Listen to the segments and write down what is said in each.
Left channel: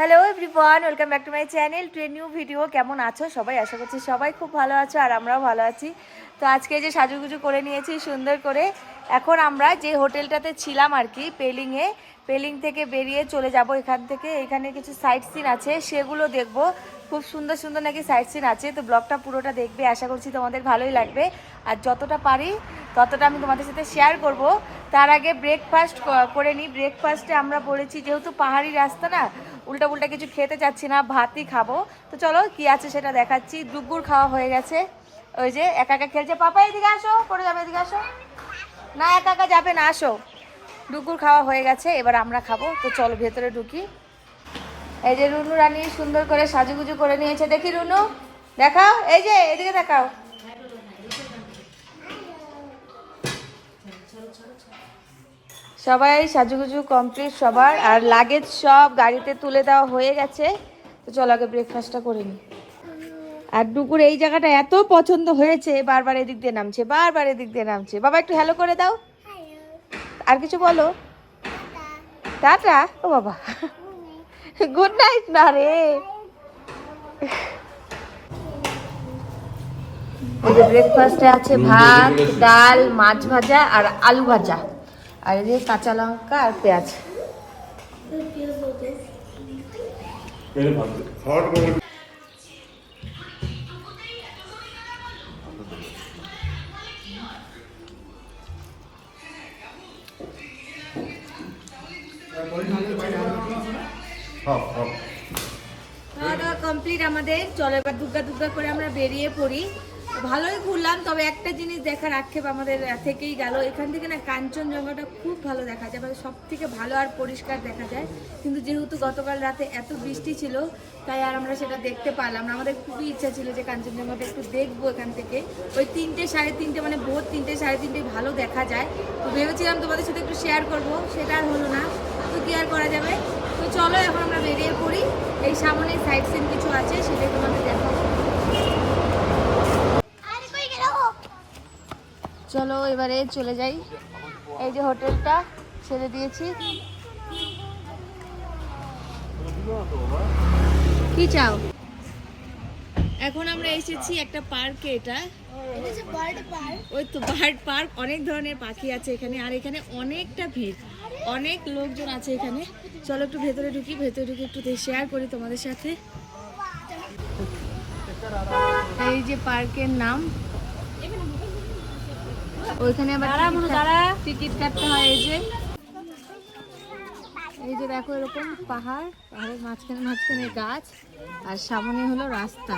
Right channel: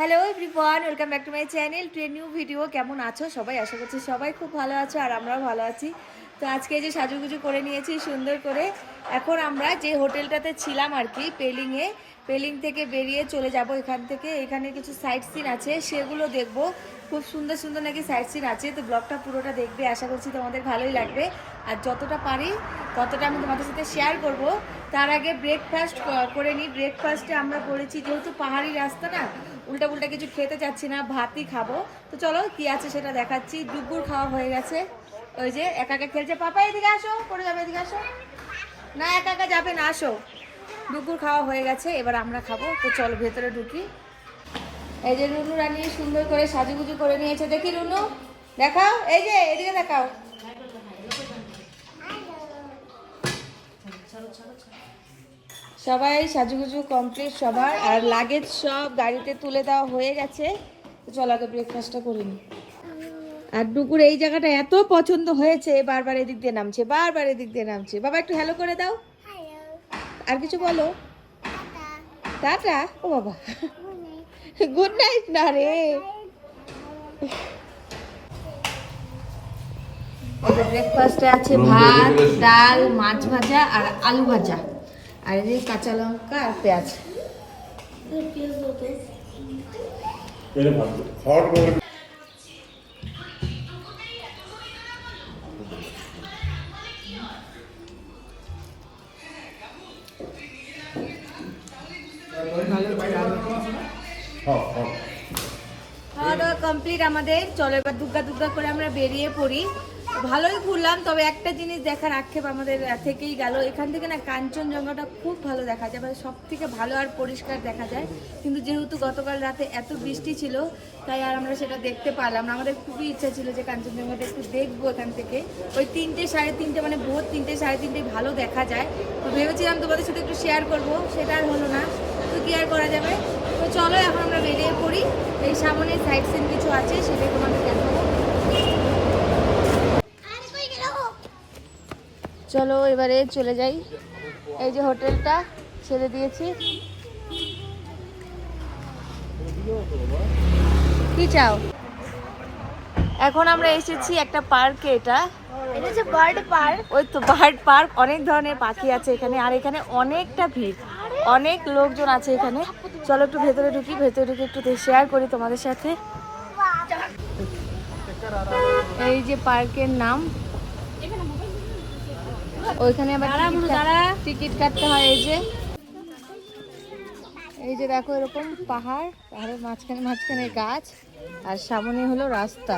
Hello everyone, welcome back to my channel to a new video. কেমন আছো সবাই? আশা করছি সবাই খুব ভালো আছো আর আমরাও ভালো আছি। তো আজকে যে সাজুগুজু করে নিয়েছি সুন্দর করে, এখন আমরা যে হোটেলটাতে ছিলাম আর কি পেলিং থেকে বেরিয়ে চলে যাব এখান থেকে। এখানে কিছু সাইট সিন আছে, সেগুলো দেখবো। খুব সুন্দর সুন্দর নাকি সাইট সিন আছে, তো ব্লগটা পুরোটা দেখবে, আশা করছি তোমাদের ভালোই লাগবে। আর যতটা পারি ততটা আমি তোমাদের সাথে শেয়ার করব। তার আগে ব্রেকফাস্ট করে নিই। ব্রেকফাস্টে আমরা বলেছি যেহেতু পাহাড়ি রাস্তা না, উল্টা পুল্টা কিছু খেতে চাচ্ছি না, ভাতই খাবো। তো চলো কি আছে সেটা দেখাচ্ছি। দুপুর খাওয়া হয়ে গেছে, ওই যে একা একা খেলছে। পাপা এদিকে আসো, পড়ে যাবে, এদিকে আসো। না একা একা যাবে না, আসো। দুপুর খাওয়া হয়ে গেছে, এবার আমরা খাবো। তো চলো ভেতরে ঢুকি। এই যে রুনু রানী সুন্দর করে সাজুগুজু করে নিয়েছে, দেখি রুনু দেখাও, এই যে এদিকে দেখাও। সবাই সাজুগুজু কমপ্লিট সবার, আর লাগেজ সব গাড়িতে তুলে দেওয়া হয়ে গেছে। তো চলো আগে ব্রেকফাস্টটা করে নিই। আর ডুকুর এই জায়গাটা এত পছন্দ হয়েছে, বারবার এদিক দিয়ে নামছে, বারবার এদিক দিয়ে নামছে। বাবা একটু হ্যালো করে দাও, আর কিছু বলো। টাটা। ও বাবা, গুড নাইট না রে। এই যে ব্রেকফাস্টে আছে ভাত, ডাল, মাছ ভাজা আর আলু ভাজা, আর এই যে কাঁচা লঙ্কা আর পেঁয়াজ। খাওয়া দাওয়া কমপ্লিট আমাদের। চলো এবার দুগ্গা দুগ্গা করে আমরা বেরিয়ে পড়ি। ভালোই ঘুরলাম, তবে একটা জিনিস দেখার আক্ষেপ আমাদের থেকেই গেল। এখান থেকে না কাঞ্চনজঙ্ঘাটা খুব ভালো দেখা যায়, মানে সব থেকে ভালো আর পরিষ্কার দেখা যায়। কিন্তু যেহেতু গতকাল রাতে এত বৃষ্টি ছিল, তাই আর আমরা সেটা দেখতে পারলাম না। আমাদের খুবই ইচ্ছা ছিল যে কাঞ্চনজঙ্ঘাটা একটু দেখবো এখান থেকে। ওই 3টে সাড়ে 3টে, মানে ভোর 3টে সাড়ে 3টে ভালো দেখা যায়। তো ভেবেছিলাম তোমাদের সাথে একটু শেয়ার করবো, সেটা আর হলো না। তো কি আর করা যাবে। তো চলো এখন আমরা বেরিয়ে পড়ি। এই সামনে সাইড সিন কিছু আছে, সেটাই তোমাদের দেখাবো। চলো এবারে চলে যাই। এই যে হোটেলটা ছেড়ে দিয়েছি। কি চাও? এখন আমরা এসেছি একটা পার্কে। এটা বার্ড পার্ক। ওই তো বার্ড পার্ক, অনেক ধরনের পাখি আছে এখানে, আর এখানে অনেকটা ভিড়, অনেক লোকজন আছে এখানে। চলো একটু ভেতরে ঢুকি, ভেতরে ঢুকে একটু শেয়ার করি তোমাদের সাথে। এই যে পার্কের নাম, ওইখানে আবার টিকিট কাটতে হয়। এই যে দেখো এরকম পাহাড়, পাহাড়ের মাঝখানে মাঝখানে গাছ, আর সামনে হলো রাস্তা।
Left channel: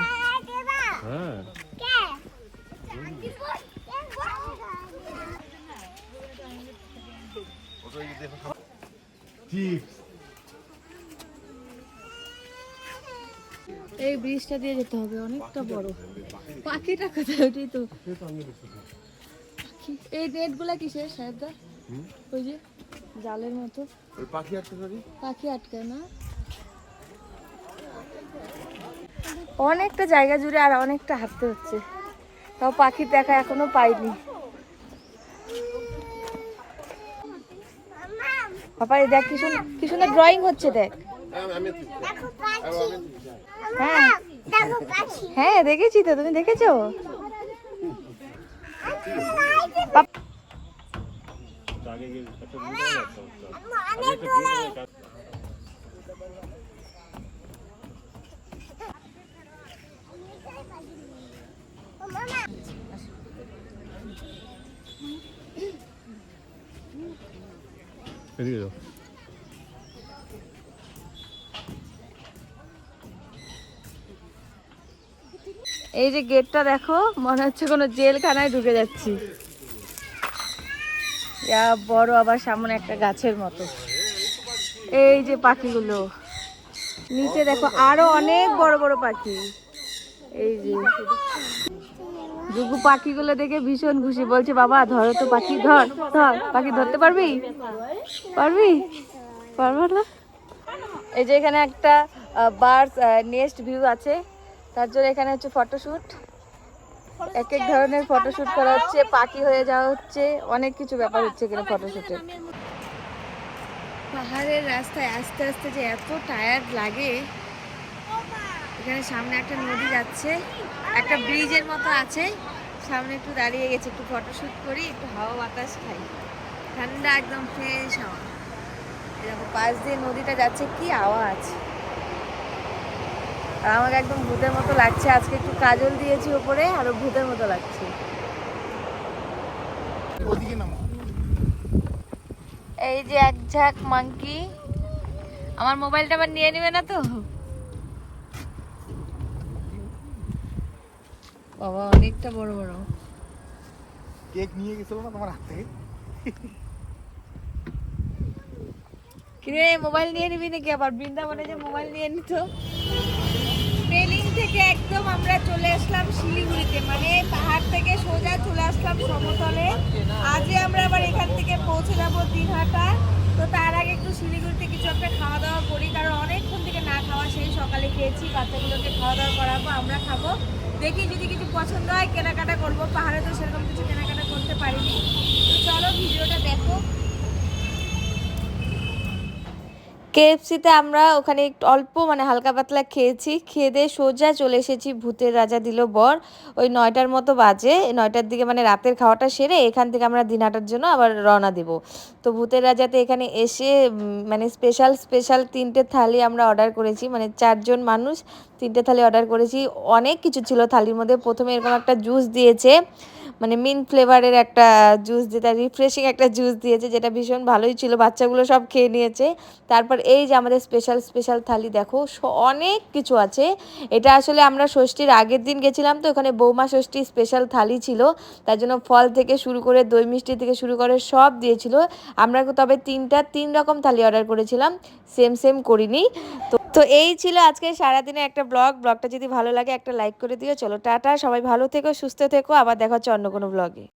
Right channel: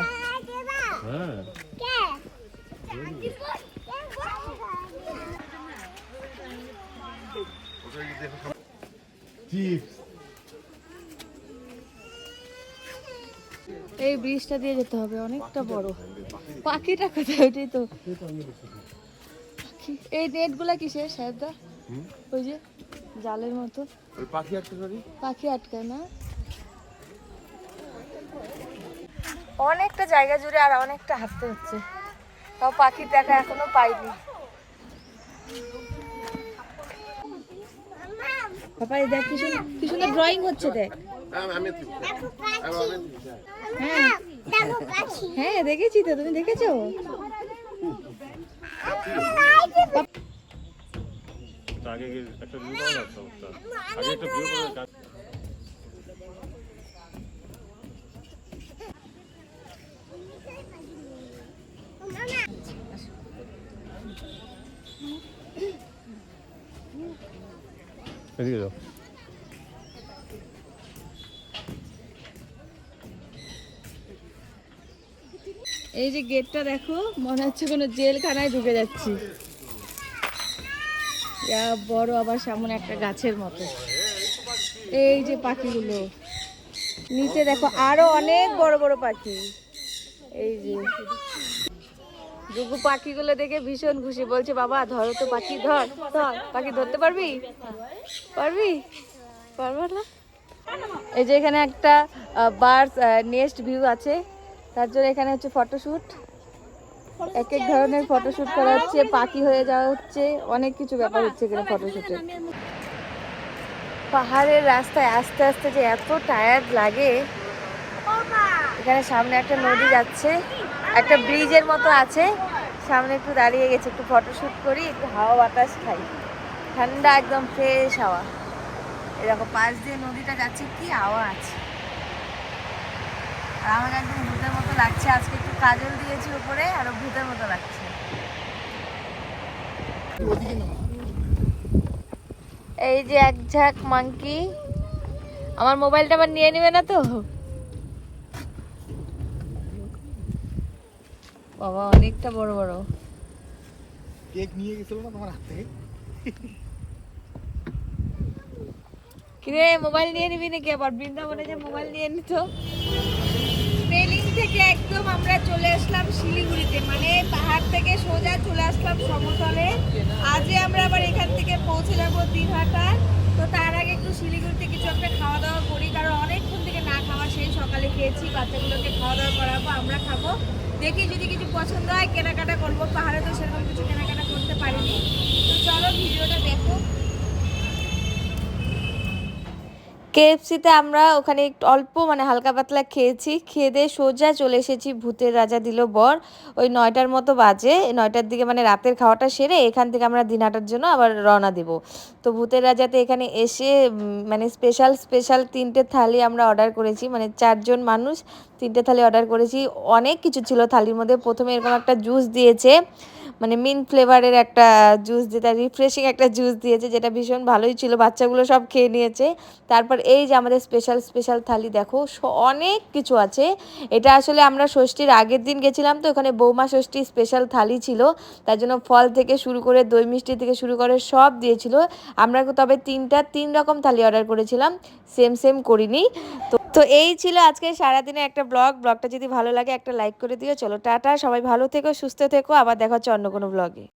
এই ব্রিজটা দিয়ে যেতে হবে, অনেকটা বড়। পাখিটা কোথায়? ওইটাই তো পাখি। এই নেট গুলা কিসের সাহেবদা? ওই যে জালের মতো পাখি আটকায় না? অনেকটা জায়গা জুড়ে আর অনেকটা হাঁটতে হচ্ছে, তাও পাখির দেখা এখনো পাইনি। পাপা দেখ কি সুন্দর ড্রয়িং হচ্ছে, দেখ। হ্যাঁ হ্যাঁ দেখেছি তো, তুমি দেখেছো? এই যে গেটটা দেখো, মনে হচ্ছে কোনো জেলখানায় ঢুকে যাচ্ছি। বড়, আবার সামনে একটা গাছের মতো। এই যে পাখিগুলো নিচে দেখো, আরো অনেক বড় বড় পাখি। এই যে দুগু পাখিগুলো দেখে ভীষণ খুশি, বলছে বাবা ধরো তো পাখি, ধর ধর পাখি, ধরতে পারবি? পারবো না। এই যে এখানে একটা বার্ডস নেস্ট ভিউ আছে, তার জন্য এখানে হচ্ছে ফটোশুট। এক এক ধরনের ফটোশুট করা হচ্ছে, পাখি হয়ে যাওয়া হচ্ছে, অনেক কিছু ব্যাপার হচ্ছে এখানে ফটোশুটে। পাহাড়ের রাস্তায় আস্তে আস্তে যে এত টায়ার্ড লাগে। এখানে সামনে একটা নদী যাচ্ছে, একটা ব্রিজের মতো আছে, সামনে একটু দাঁড়িয়ে গেছে, একটু ফটোশুট করি, একটু হাওয়া বাতাস খাই, ঠান্ডা একদম ফ্রেশ হাওয়া। এরকম পাশ দিয়ে নদীটা যাচ্ছে, কি আওয়াজ। আর আমাকে একদম ভূতের মতো লাগছে, আজকে একটু কাজল দিয়েছি উপরে, আরো ভূতের মতো লাগছে। এই যে এক ঝাঁক মাংকি। আমার মোবাইলটা আবার নিয়ে নেবে না তো? বাবা অনেকটা বড় বড়। কেক নিয়ে গেছিল না তোমার হাত থেকে? কিরে মোবাইল নিয়ে নিবি নাকি আবার? বৃন্দাবনে যে মোবাইল নিয়ে নিত। পেলিং থেকে একদম আমরা চলে আসলাম শিলিগুড়িতে, মানে পাহাড় থেকে সোজা চলে আসলাম সমতলে। আজকে আমরা আবার এখান থেকে পৌঁছে যাব দিনহাটা। তো তার আগে একটু শিলিগুড়িতে কিছু একটা খাওয়া দাওয়া করি, কারণ অনেকক্ষণ থেকে না খাওয়া, সেই সকালে খেয়েছি, বাচ্চাগুলোকে খাওয়া দাওয়া করাবো, আমরা খাবো। দেখি যদি কিছু পছন্দ হয় কেনাকাটা করবো, পাহাড়ে তো সেরকম কিছু কেনাকাটা করতে পারিনি। তো চলো ভিডিওটা দেখো। কেএফসিতে আমরা ওখানে একটু অল্প মানে হালকা পাতলা খেয়েছি, খেয়ে দিয়ে সোজা চলে এসেছি ভূতের রাজা দিল বর। ওই 9টার মতো বাজে, 9টার দিকে মানে রাতের খাওয়াটা সেরে এখান থেকে আমরা দিনহাটার জন্য আবার রওনা দেব। তো ভূতের রাজাতে এখানে এসে মানে স্পেশাল স্পেশাল 3টে থালি আমরা অর্ডার করেছি, মানে 4জন মানুষ 3টে থালি অর্ডার করেছি। অনেক কিছু ছিল থালির মধ্যে। প্রথমে এরকম একটা জুস দিয়েছে, মানে মিন্ট ফ্লেভারের একটা জুস, যেটা রিফ্রেশিং একটা জুস দিয়েছে, যেটা ভীষণ ভালোই ছিল, বাচ্চাগুলো সব খেয়ে নিয়েছে। তারপর এই যে আমাদের স্পেশাল স্পেশাল থালি দেখো, অনেক কিছু আছে। এটা আসলে আমরা ষষ্ঠীর আগের দিন গেছিলাম, তো ওখানে বৌমা ষষ্ঠী স্পেশাল থালি ছিল, তার জন্য ফল থেকে শুরু করে দই মিষ্টি থেকে শুরু করে সব দিয়েছিল। আমরা তবে 3 রকম থালি অর্ডার করেছিলাম, সেম সেম করিনি। তো এই ছিল আজকে সারাদিনের একটা ব্লগটা যদি ভালো লাগে একটা লাইক করে দিও। চলো টাটা, সবাই ভালো থেকো, সুস্থ থেকো, আবার দেখা হচ্ছে অন্য কোনো ব্লগে।